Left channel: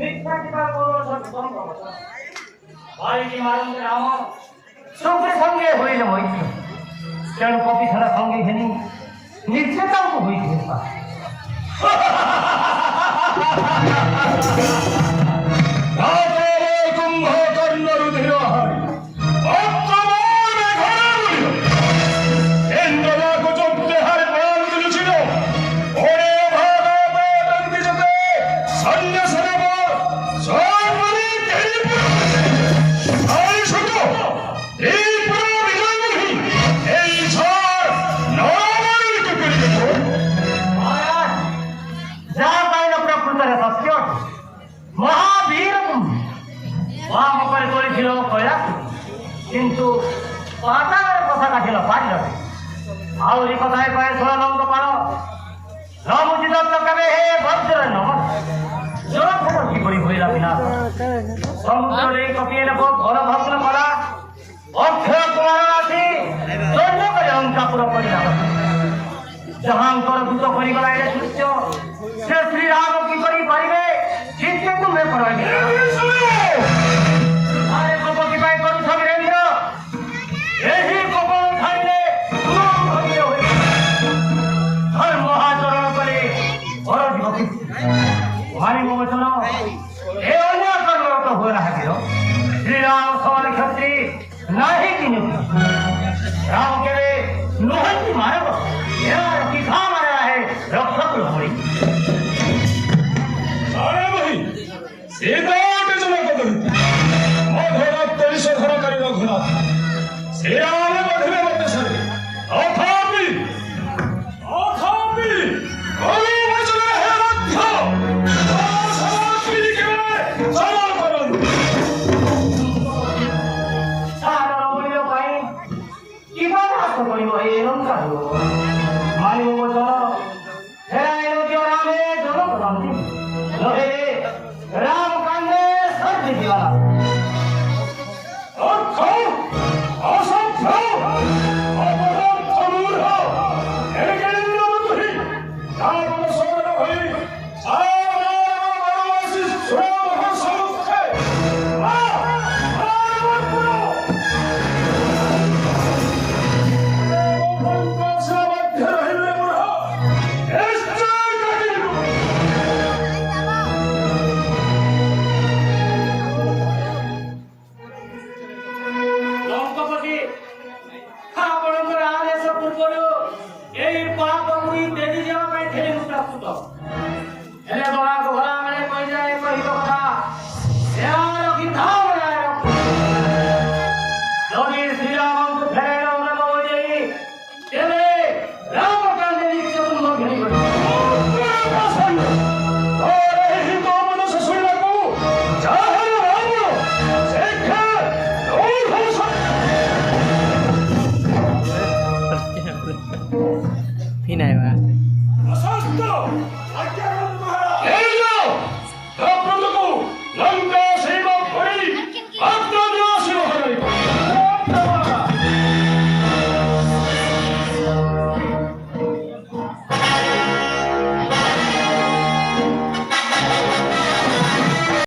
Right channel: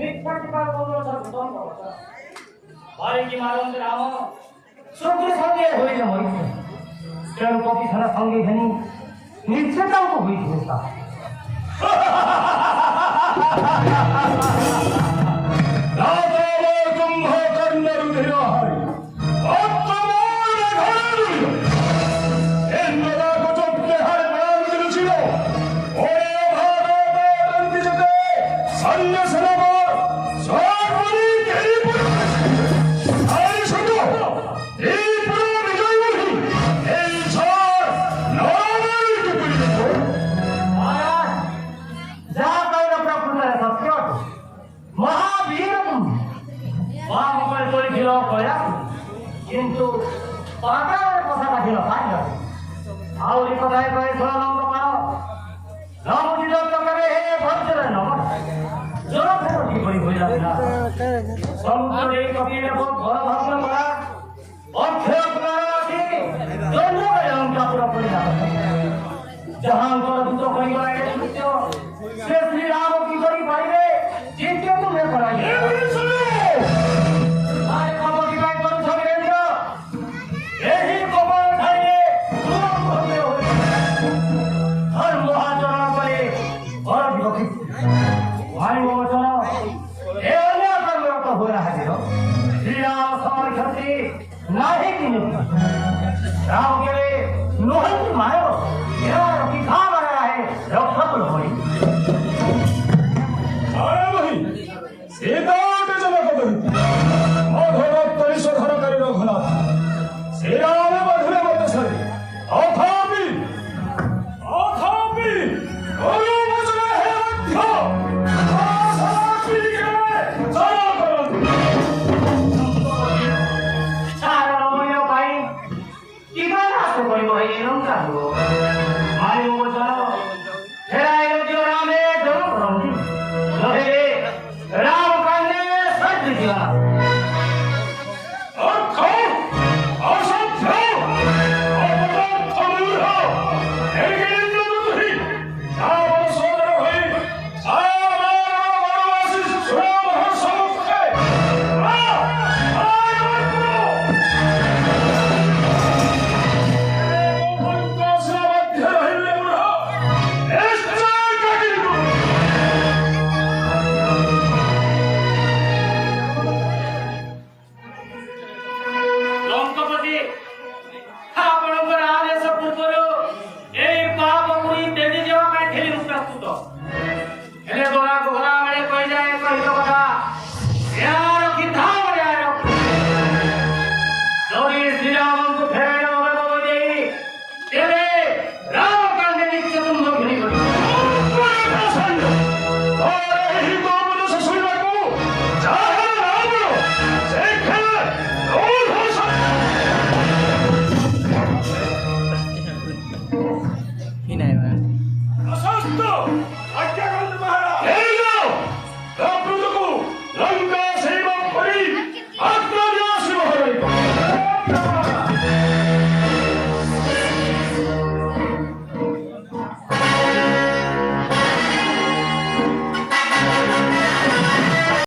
মিথ্যা কিবা করলো সব ভাই কি মারণ রাম সঙ্গে সঙ্গে হইলে মইছে কেন কপি খানা সঙ্গে ঘেনি নিশ্চয়তাও তো হইছে কিন্তু পাটার কথা কাটিল পারিল আউরি কথায় কয়ে সোনানন্দ পার নমুচিত কেবে হে বজ্র নমন জোর ফেরত কি করি হইলা বিনা সমুদ্রের এই কপিয়ে নেব ঘর ভগ্ন করা অক্ষয় কুমার আছি দৈন্য করে অঙ্কাপুর করিলাম যাহাঙ্কর দূত করিগলা এলে সূর্য সে শ্রীরাম কি করি পারিবে চিন্তে তুমি করাইবে श्रीराम सवाल क्षत्रि नाही की राम के लोहन मारो की खा मारा है रक्षक लोहरी सीता